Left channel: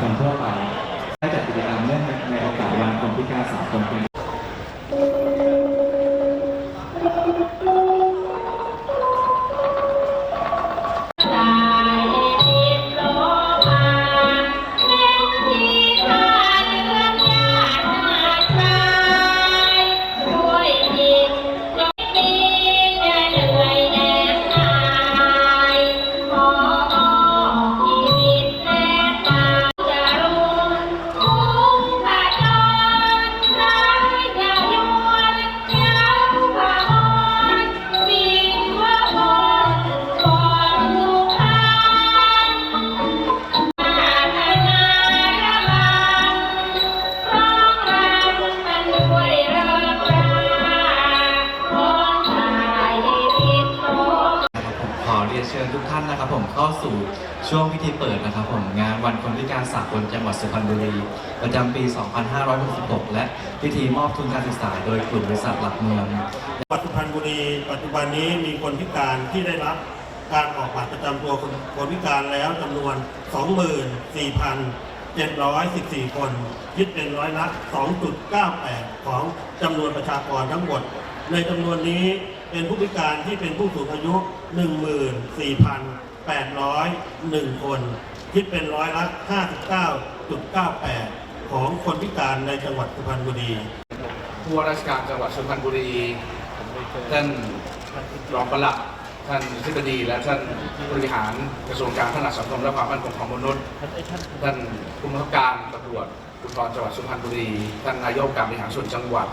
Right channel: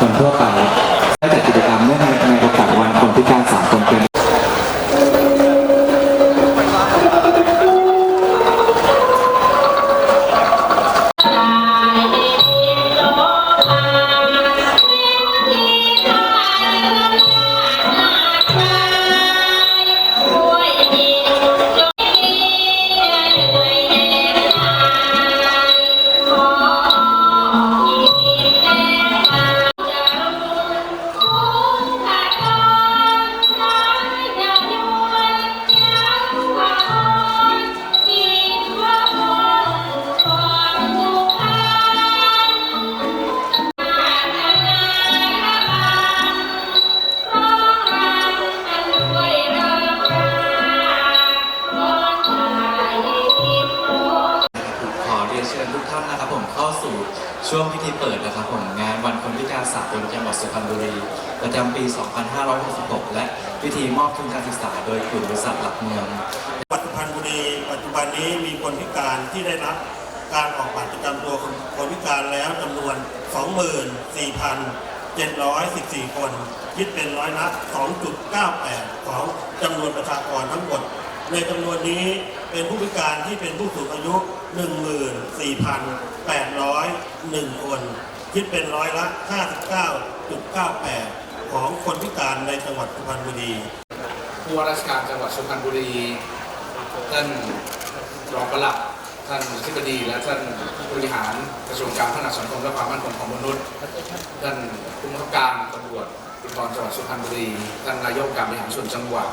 คนทั่วไป บุรี ประจำปี 2566 และพิธีมอบทุนการศึกษา โดยกลุ่มบริษัทหลักเมืองปัจจุบันบุรี ปัจจุบันนี้มีคนพิการที่ได้รับการออกบัตรประจำตัวคนคนพิการแล้วจำนวน 24,714 คน คิดเป็นร้อยละ 2.98 ของจำนวนประชากรทั้งหมด ในจำนวนนี้เป็นผู้พิการที่เป็นผู้สูงอายุ 14,801 คน คิดเป็นร้อยละ 5.9 59.98 ของคนพิการในจังหวัดสุพรรณบุรี ผู้ว่าราชการจังหวัดสุพรรณบุรี ท่านรองปลัดท่านอธิบดีและท่านบริหารกระทรวงการพัฒนาสังคมและความมั่นคงของมนุษย์ ท่านผู้บังคับการตำรวจภูธรจังหวัดสุพรรณบุรี ท่านนายกการบริหารส่วนจังหวัด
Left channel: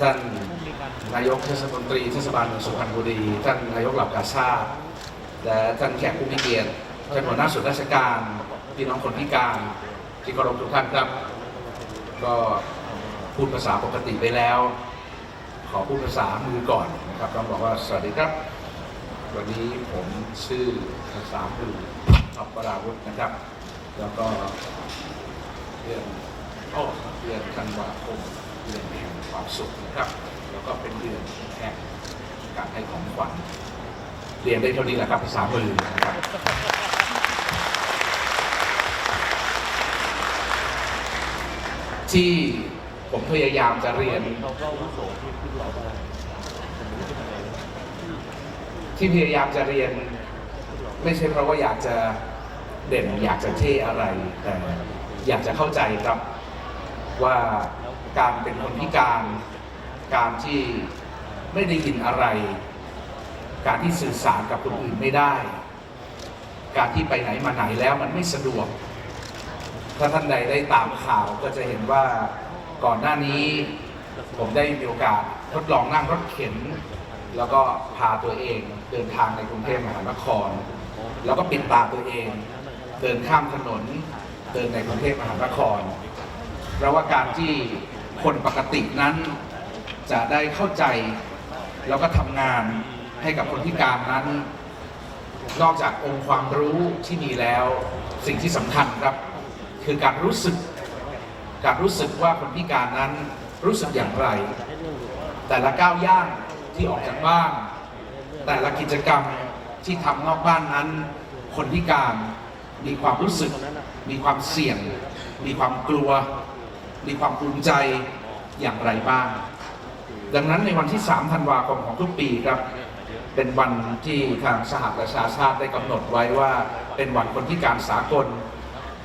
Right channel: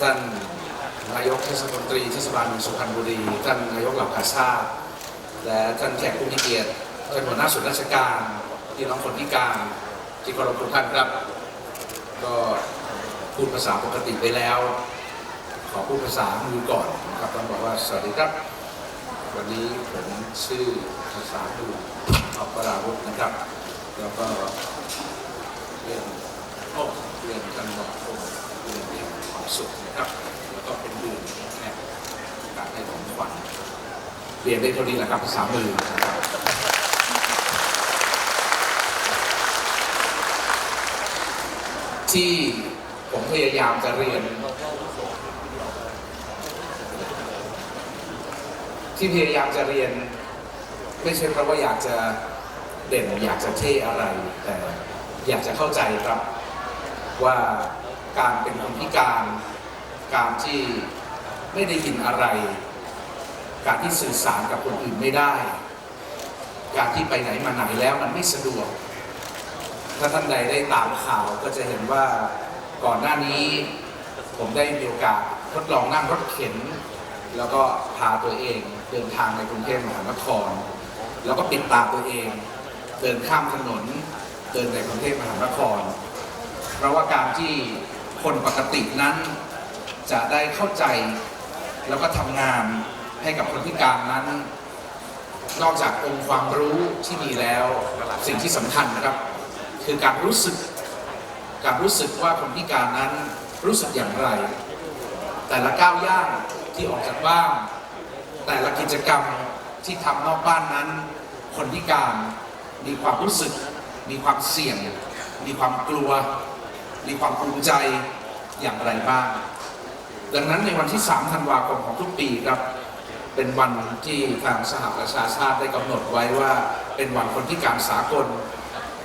ท่านนายกเทศมนตรีเทศบาลเมืองสุพรรณบุรี ท่านนายกเหล่ากาชาติและท่านแขกผู้มีเกียรติท่านหัวหน้าส่วนราชการพี่น้องคนพิการ ที่เคารพทุกท่านครับ ก็พูดภาษาปกติไปแล้ว ขอพูดภาษามือก่อนนะครับต้องบอกว่าสวัสดีครับ วันนี้ผมชื่อภาษาคือออกปราวุธนะครับ แล้วก็เรื่องโอ้เดือนธันวาคมเดือนแห่งความสุขนะครับ แล้วก็เป็นเดือนแห่งการให้ของขวัญเรียนได้เท่านี้แหละครับภาษามือนะครับ ที่ผมพยายามจะเรียน ที่พยายามจะเรียน ไม่ใช่เพราะว่าอยากจะเด่นอยากจะเท่อะไร แต่อยากจะเข้าใจครับว่าการเป็นคนพิการ การที่ไม่ได้ยินอะไร การที่สื่อสารกับคนอื่นไม่ได้ การที่ไปไหนมาไหนแล้วมันไม่สะดวก ถ้าท่านใดได้ตามข่าวก็จะเห็นว่าก่อนหน้านี้ผมได้มีโอกาสทดลองนั่งรถเข็น แล้วก็พาตัวเองเดินทางในกรุงเทพมหานคร แล้วก็ปิดตาตัวเอง เดินข้ามถนน เดินในกรุงเทพมหานคร เพราะว่าการที่คนปกตินั้นจะได้เข้าใจแล้วก็ทำงานให้กับคนพิการนั้น นอกจากองค์ความรู้ที่มีแล้วสิ่งที่สำคัญครับ คือการรู้สึกการรู้สึกว่าคนพิการนั้นรู้สึกอย่างไร แต่ละก้าวย่างที่ออกจากบ้านแต่ละกิจกรรมที่ทำนอกบ้านนั้น คนพิการมีความรู้สึก มีความเสี่ยง มีความกลัว มีความภูมิใจอย่างไรบ้าง ดังนั้นในวันที่ 3 ธันวาคมของทุกปีครับ เป็นวันที่ทางสหประชาชาติได้กำหนดไว้ว่า เป็นวันคนพิการสากล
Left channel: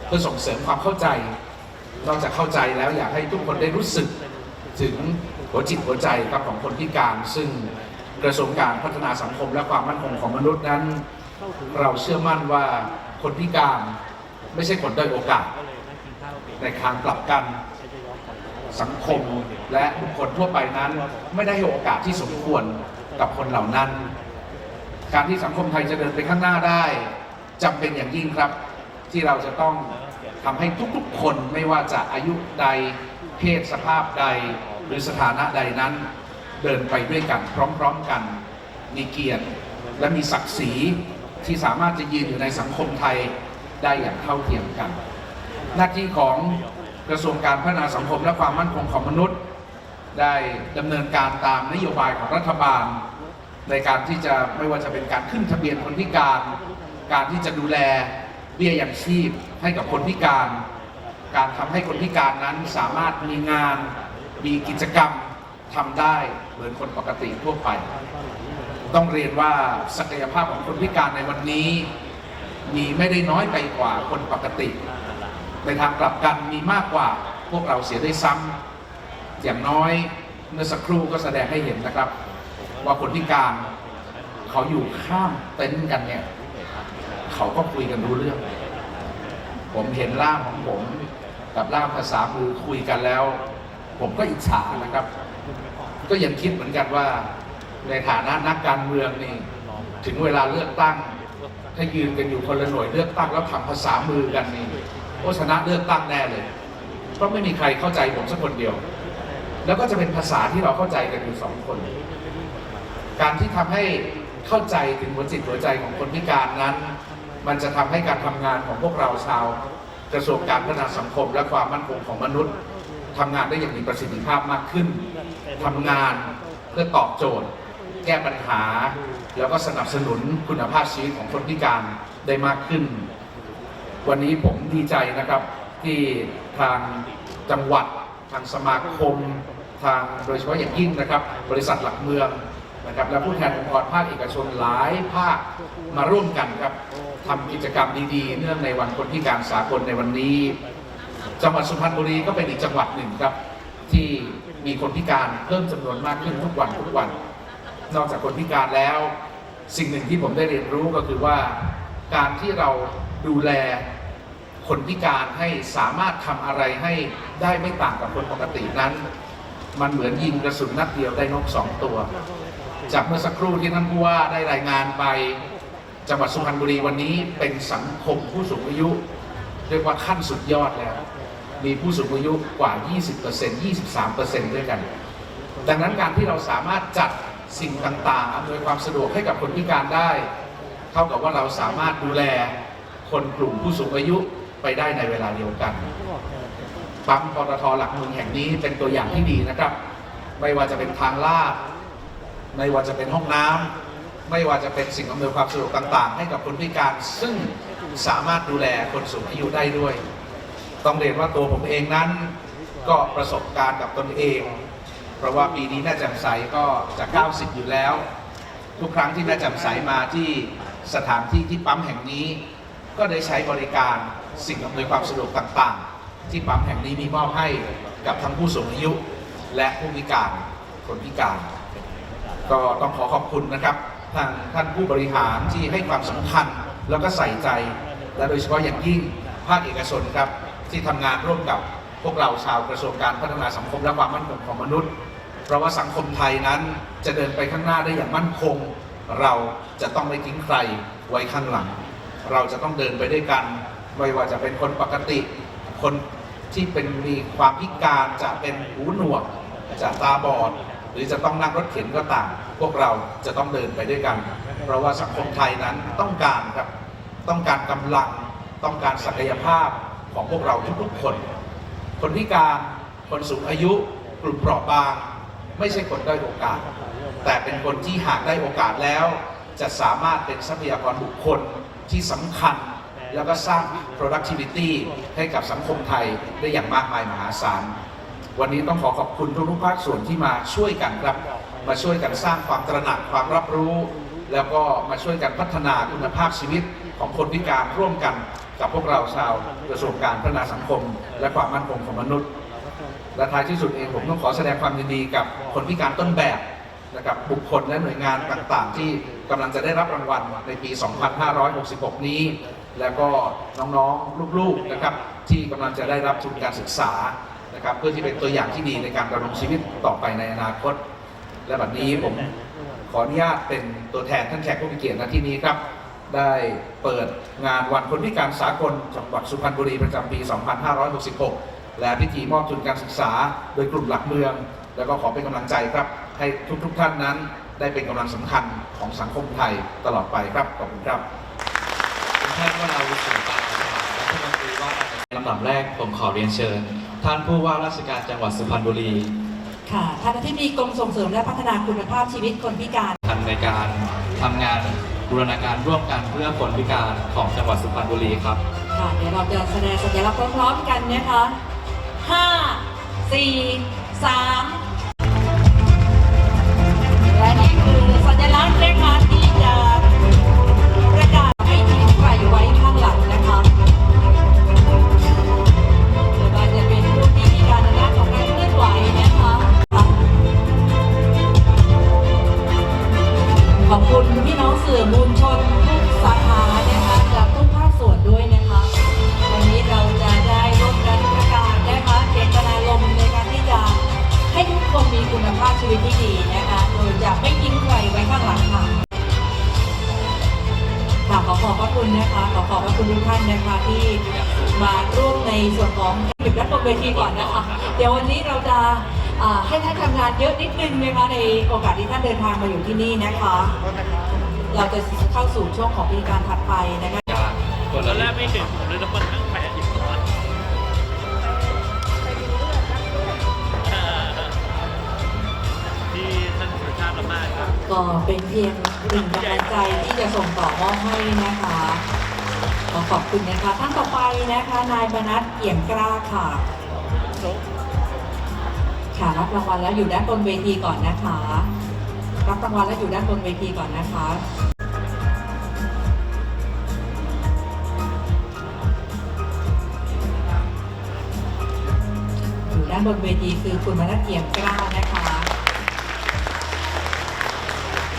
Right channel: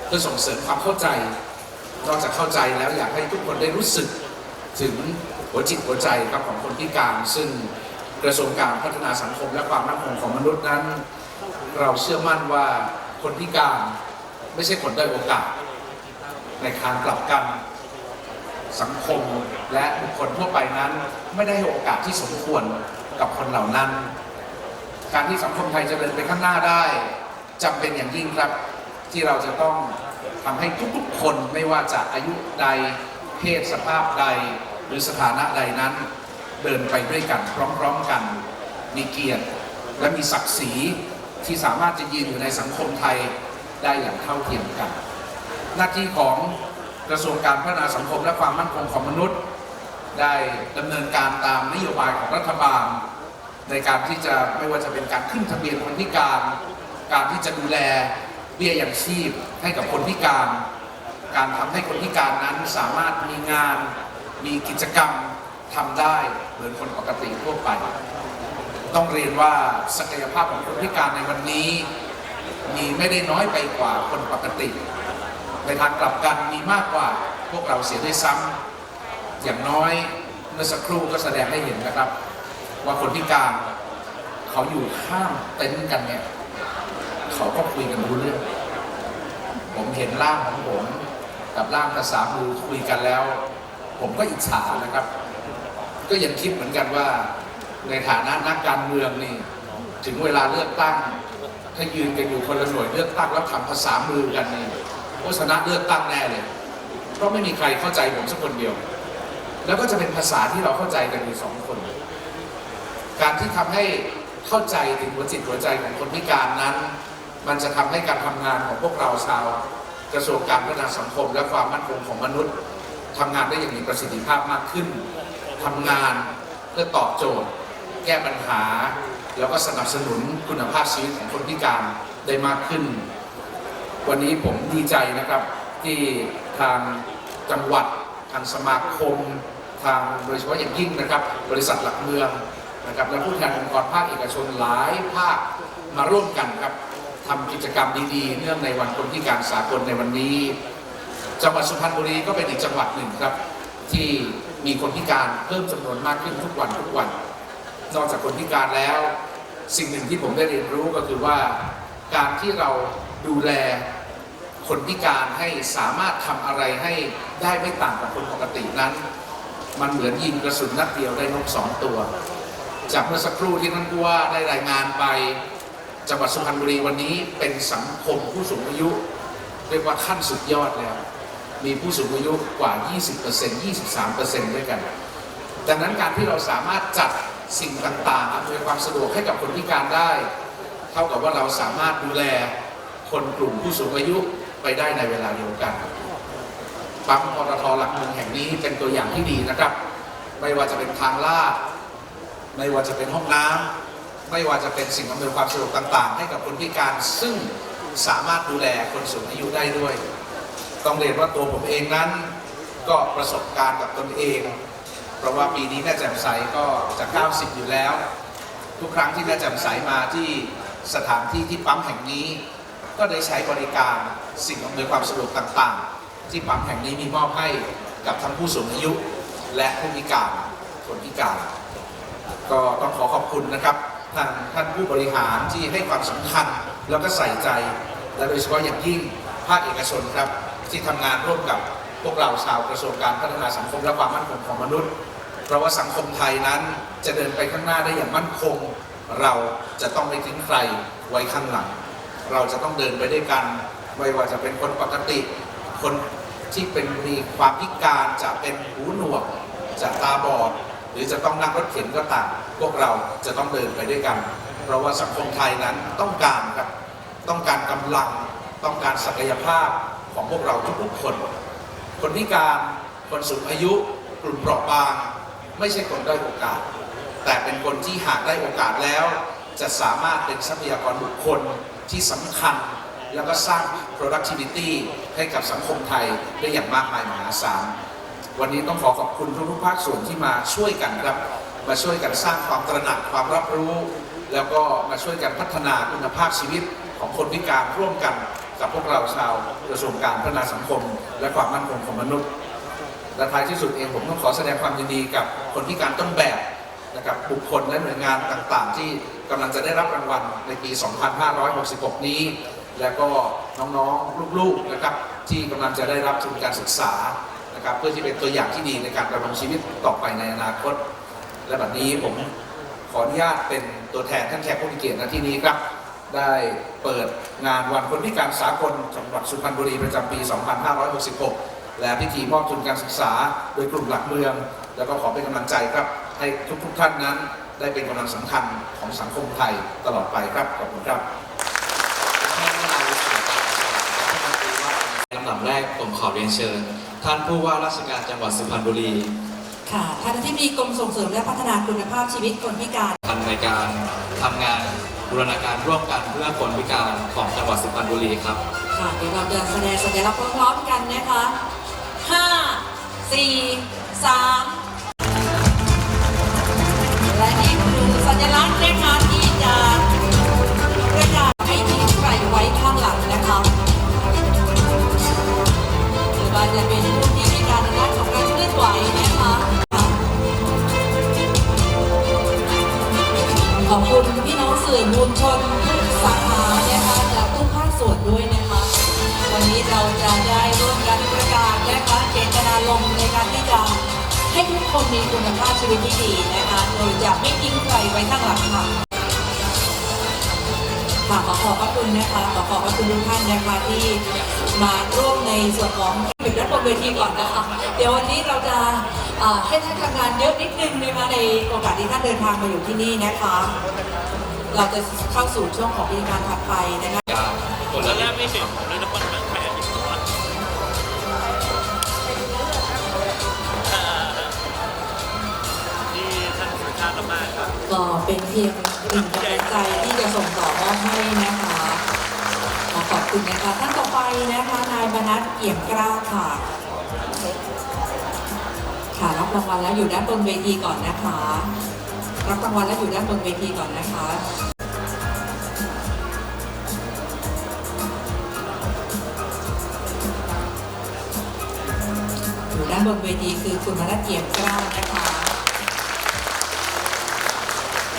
เพื่อส่งเสริมความเข้าใจ นอกจากเข้าใจแล้วอยากให้ทุกคนได้รู้สึกถึงหัวจิตหัวใจครับของคนพิการ ซึ่งกระทรวงการพัฒนาสังคมและความมั่นคงของมนุษย์นั้น เราเชื่อมั่นว่าคนพิการไม่ใช่คนได้โอกาส ในทางกลับกันสังคมและบุคคลทั่วไปนั้น ไม่ได้ให้โอกาสที่สมควรกับคนเหล่านั้น การที่สังคมไทยจะเดินไปข้างหน้าได้จำเป็นอย่างยิ่งครับ ที่เราจะต้องทำให้ทุกๆคนไม่ว่าจะอายุใดเพศสภาพใด หรือสถานะใดนั้น เดินไปด้วยกันพร้อมๆกัน มีเกียรติและมีศักดิ์ศรีที่สามารถจะยืนอยู่ในสังคมไทยได้อย่างเท่าเทียมกัน หน้าที่ของกระทรวงการพัฒนาสังคมและความมั่นคงของมนุษย์ ได้ดำเนินการตามนโยบายของรัฐบาล ในการที่จะไม่ว่าจะเป็นการขึ้นทะเบียนคนพิการ การที่จะดูแล เบี้ยยังชีพให้กับคนพิการ การทำให้คนพิการนั้นสามารถมีงาน มีกิจกรรมทำได้เหมือนคนปกติทั่วไป ต้องเรียนว่าศักยภาพของคนพิการในวันนี้ มีไม่ได้น้อยไปกว่าคนปกติ ในทางกลับกันมีมากกว่าพวกเราเสียด้วยซ้ำอย่างน้อยเมื่อสักครู่ก็แสดงให้เห็นนะครับ ว่าคนพิการเขาอยู่ข้ามเต็นท์กันเนี่ย เขาก็คุยกันรู้เรื่อง ผมเห็นร่างของผมกับร่างภาษามือคุยกันแล้ว ผมก็อิจฉานะครับ ก็ยังคิดเหมือนกันว่า ในฐานะนักการเมืองนี่ ถึงเวลาเลือกตั้ง ถ้ายืนกันอยู่คนละหน่วยเลือกตั้งแล้วทำภาษามือกันนี่โฆษณะเลือกตั้งแน่เลย เพราะไม่มีใครเข้าใจผมสักคนเดียว แล้วก็จะเป็นภาษาที่เราเข้าใจกันอยู่สองคน การที่ทำให้เข้าใจถึงหัวจิตหัวใจของคนพิการนั้น มันจะทำให้การทำงานของพวกเราชาวกระทรวงการพัฒนาสังคม และความมั่นคงของมนุษย์ทำงานได้อย่างมีประสิทธิภาพมากขึ้นทำงานเพื่อตอบโจทย์ แก้ปัญหา แล้วก็สนับสนุนคุณภาพชีวิตของคนพิการได้มากขึ้น วันนี้ผมดีใจนะครับที่ทางจังหวัด ทางสมาคม ทางโดยเฉพาะอย่างยิ่งนะครับ บริษัทหลักเมืองนะครับและผู้แทนองค์กรภาคเอกชนหลายภาคมาร่วมกันครับ ทำกิจกรรมดีๆ เนื่องในวันคนพิการสากลในวันนี้ จังหวัดสุพรรณบุรีก็เป็นอีกจังหวัดหนึ่งครับ ที่มีคนพิการเพิ่มจำนวนมากขึ้นทุกวันทุกวัน นอกจากคนพิการแล้ว สิ่งหนึ่งที่ผมได้เรียนรู้ก็คือว่าการที่เราดูแลคนพิการให้สามารถทำอะไรให้ได้ไม่ต่างกับคนปกตินั้น มันเหมือนยิงกระสุนนัดเดียวได้นกสองตัว จากเมื่อสักครู่ที่ท่านผู้ว่าได้รายงานไป จังหวัดสุพรรณบุรีวันนี้เป็นสังคมผู้สูงอายุ เรียกว่าขั้นสุดยอดแล้ว มีผู้สูงอายุกว่า 20% 23%ด้วยกัน ดังนั้นการที่เราสามารถจัดสิ่งต่างๆอำนวยความสะดวกให้กับคนพิการได้ เท่ากับว่าเราสามารถดูแลคนกลุ่มผู้สูงอายุไปได้ในเวลาเดียวกันปั๊มปตทหลักเมืองแห่งนี้เป็นตัวอย่างที่ดีนะครับ ไม่ว่าจะเป็นทางลาดไม่ว่าจะเป็นห้องน้ำ ไม่ว่าจะเป็นสิ่งอำนวยความสะดวกต่าง ๆ ให้กับคนพิการ ซึ่งสามารถดูแลคนสูงอายุได้ด้วย ต้องเรียนว่าตัวผมเองนั้น ก็ประสบการณ์กับตนเอง เพราะว่าปีนี้แม่แจ่มใสก็จะ 90 อยู่แล้ว ทุกครั้งที่แม่แจ่มใสมาที่สถานที่ที่ปั๊มแห่งนี้ ก็ได้ใช้บริการสิ่งอำนวยความสะดวกต่างๆ ที่ปั๊มแห่งนี้มีมอบให้กับทั้งผู้สูงอายุ และผู้พิการคนพิการ ก็ต้องขอขอบคุณนะครับ ทางท่านผู้บริหารที่ให้ความสำคัญแล้วก็ใส่ใจ และโดยเฉพาะอย่างยิ่งภาคเอกชนครับ ที่ทำงานร่วมกับพวกเราชาวกระทรวงการพัฒนาสังคมและความมั่นคงของมนุษย์ เพราะว่าสังคมไทยนั้นจะเดินไปข้างหน้าได้อย่างมั่นคง เราจะต้องไม่ทิ้งใครไว้ข้างหลัง เราจะต้องเดินไปด้วยกัน ไม่ว่าจะเป็นคนปกติ คนที่เป็นมีความพิการจะเป็นหูหนวกจะตาบอด หรือจะต้องนั่งรถเข็นก็ตาม พวกเราจะต้องเดินไปด้วยกัน เพราะว่าสังคมไทยนั้นต้องการครับต้องการกำลังต้องการศักยภาพของพวกเราทุกๆคน คนพิการคนสูงอายุกลุ่มเปราะบาง ไม่ใช่คนได้อยโอกาส แต่เป็นคนที่หากได้โอกาสแล้ว จะสามารถเป็นทรัพยากรบุคคลที่สำคัญ แล้วก็สร้าง productivity ให้กับสังคมไทยได้อย่างมากมายมหาศาล วันนี้ต้องขอขอบคุณทุกๆภาคส่วนที่มาช่วยกันครับ มาช่วยกันสร้างความตระหนักความรับรู้ แล้วก็มาช่วยกันพัฒนาคุณภาพชีวิตของคนพิการร่วมกันกับพวกเราชาวกระทรวงการพัฒนาสังคม และความมั่นคงของมนุษย์ และท้ายที่สุดเองผมต้องขอแสดงความยินดีกับคนพิการต้นแบบนะครับบุคคลและหน่วยงานต่างๆ ที่กำลังจะได้รับรางวัลในปี 2566 นี้ แล้วก็น้องๆ ลูกๆนะครับที่กำลังจะได้รับทุนการศึกษานะครับเพื่อที่เป็นตัวอย่างที่ดีในการดำรงชีวิตต่อไปในอนาคต และแบบนี้ผมขออนุญาตเป็นตัวแทนท่านแขกผู้มีเกียรติณที่นี้ครับ ได้เปิดงานวันคนพิการสากลจังหวัดสุพรรณบุรีประจำปี 2566 และพิธีมอบทุนการศึกษา โดยกลุ่มหลักเมือง แล้วก็ขอเป็นกำลังใจครับ ให้ทุกๆทท่านนั้นได้เป็นกำลังสำคัญของสังคมไทยตลอดไปครับ ขอบคุณครับท่านวราวุฒิศิลปะดับแรกผมขอเรียนเชิญ ท่านผู้ว่าราชการจังหวัดสุพรรณบุรี ค่ะท่านอธิบดีกรมส่งเสริมและพัฒนาคุณภาพชีวิตคนพิการทันในการทำงานบูรณาการร่วมกันเพื่อคนพิการของจังหวัดสุพรรณบุรีครับ ค่ะ เดี๋ยวเราจะแสดงสัญลักษณ์พร้อมๆกันนะคะ5 4 3และนี่คือสัญลักษณ์นะคะที่จะประ ทุกท่านนะคะที่มาร่วมในส่วนของปิดรับบนเวทีก่อนนะคะ เดี๋ยววันนี้เราจะอ่าให้ท่านทำงานเยอะนิดนึงนะคะในโอกาสที่ท่านเดินทางมาอยู่ที่นี่นะคะ เราจะเข้าสู่ช่วงของพิธีการถัดไปนะคะการคนละเรื่องไม่ถึงก็เป็นเพียงหนึ่งกำลังใจที่จะส่งต่อมอบให้นะคะ ขอบคุณนะคะท่านต่อไปนะคะนายบรรณัฐเอี่ยมกล้าค่ะค่ะรับรางวัลแล้วอยู่ด้านบนเวทีก่อนนะคะ รับรางวัลแล้วอยู่ด้านบนเวทีก่อนนะคะอยู่ด้านบนเวทีคือคุณบรรณัฐเอี่ยมกล้านะคะ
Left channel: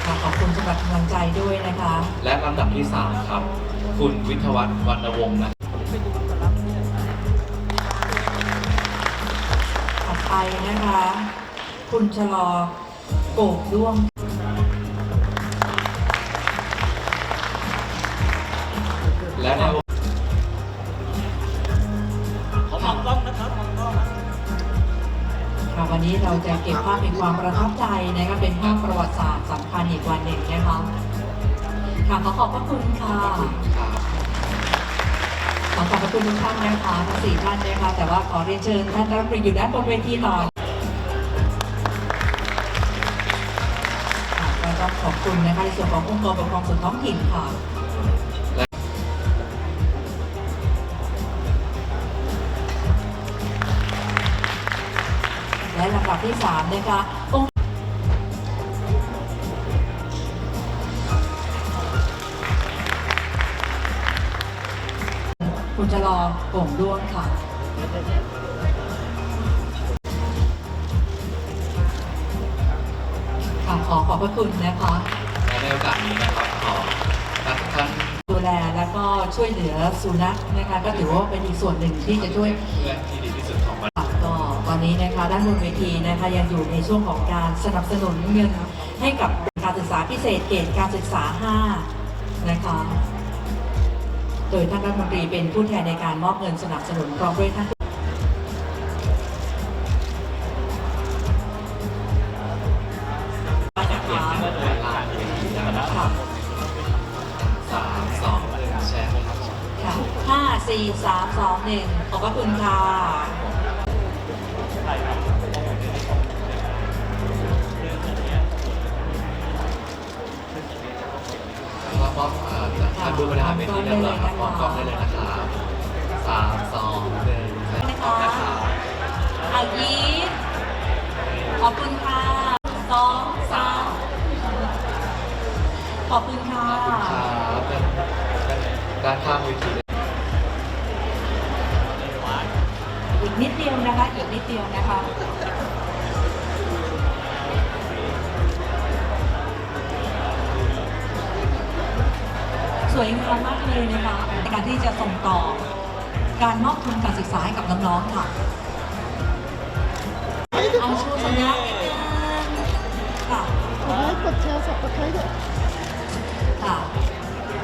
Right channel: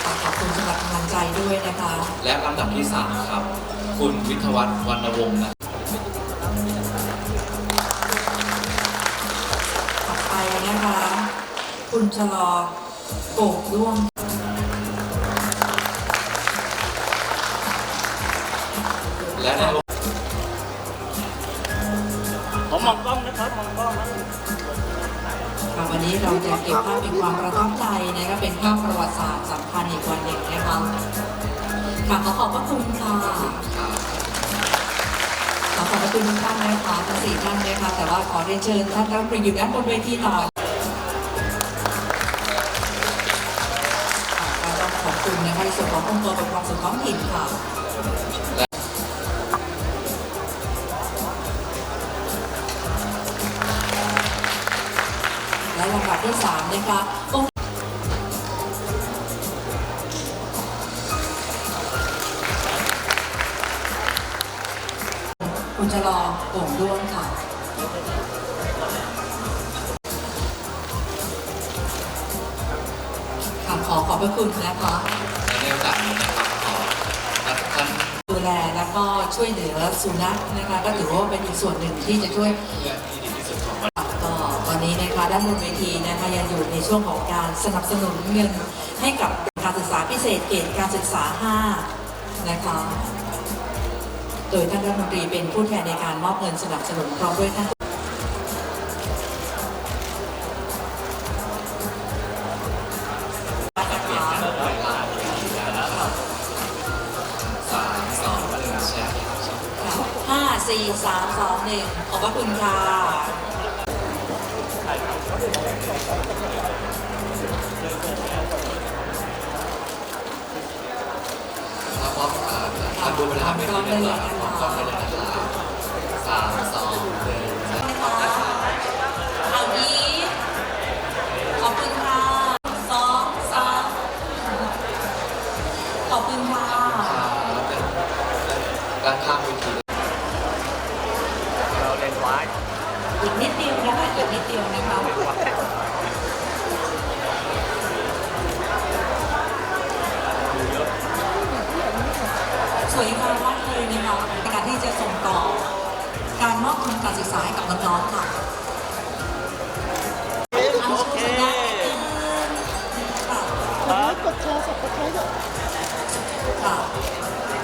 ค่ะขอบคุณสำหรับกำลังใจด้วยนะคะ และลำดับที่ 3 ครับ คุณวิทวัฒน์วรรณวงศ์นะต่อไปนะคะ คุณชะลอโกกด้วง นะคะทั้งสี่ท่านนะคะแต่ว่าขอเรียนเชิญท่านรัฐมนตรีอยู่ด้านบนเวทีต่อค่ะก็ต้องขอบคุณนะคะในส่วนขององค์กรปกครองส่วนท้องถิ่นค่ะและลำดับที่3นะคะ จะรอโก่งด้วงค่ะ ค่ะขอขอบพระคุณนะคะและในโอกาสนี้นะครับขอนักท่านดูแลแล้วก็ช่วยเหลือสุนัขนะคะก็ถือว่าเป็นอีกส่วนหนึ่งที่จะช่วย เพื่อนที่ดีที่สุดของประเทศก็ตอนนี้นะคะด้านบนเวทีนะคะยังอยู่ในช่วงของการสนับสนุนเงินให้กับการศึกษาพิเศษเกรดการศึกษา 5 นะคะ โดยท่านรัฐมนตรีเป็นผู้แทนในการมอบเงินสนับสนุนพร้อมด้วยท่านจะเปลี่ยนเป็นเวลาเวทีแล้วนะครับสามสองหนึ่งแชร์ครับค่ะห้าสี่สามสองหนึ่งขอบพระคุณค่ะ ดูเวลาไม่ดีแล้วนะครับพร้อมกล้องไปเลยนะครับสามสองหนึ่งแชร์นะครับเอา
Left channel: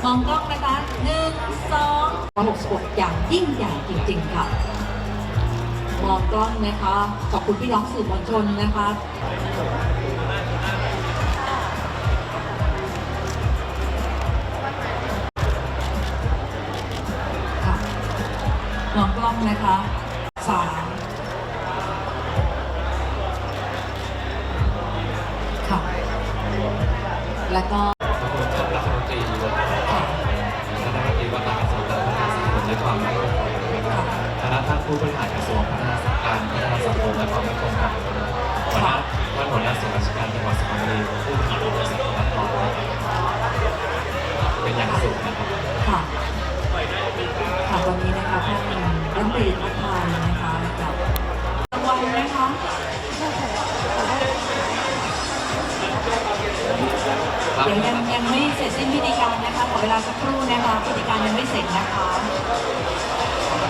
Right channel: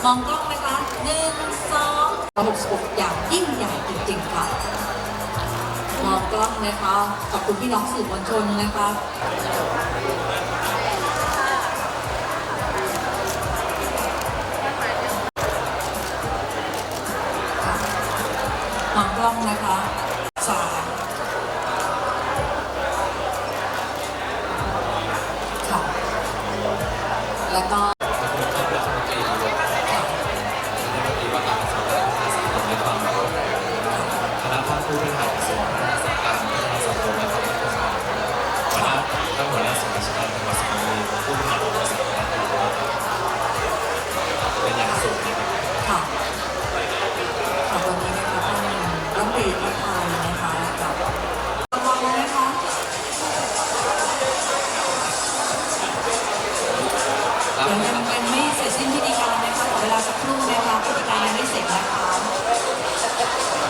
มองกล้องนะคะหนึ่งสองหกสิบหกอย่างยิ่งใหญ่จริงๆค่ะมองกล้องนะคะขอบคุณพี่น้องสื่อมวลชนนะคะมองกล้องนะคะสามแล้วก็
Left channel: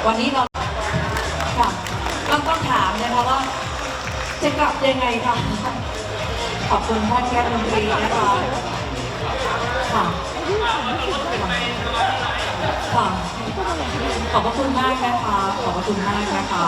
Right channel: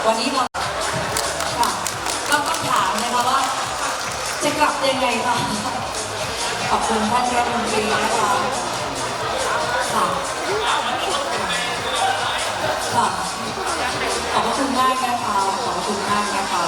วันนี้เราค่ะต้องถามนะคะว่า จะกลับยังไงคะขอบคุณพ่านรัฐมนตรีนะคะค่ะคะขอบคุณมากนะคะ ขอบคุณมากนะคะ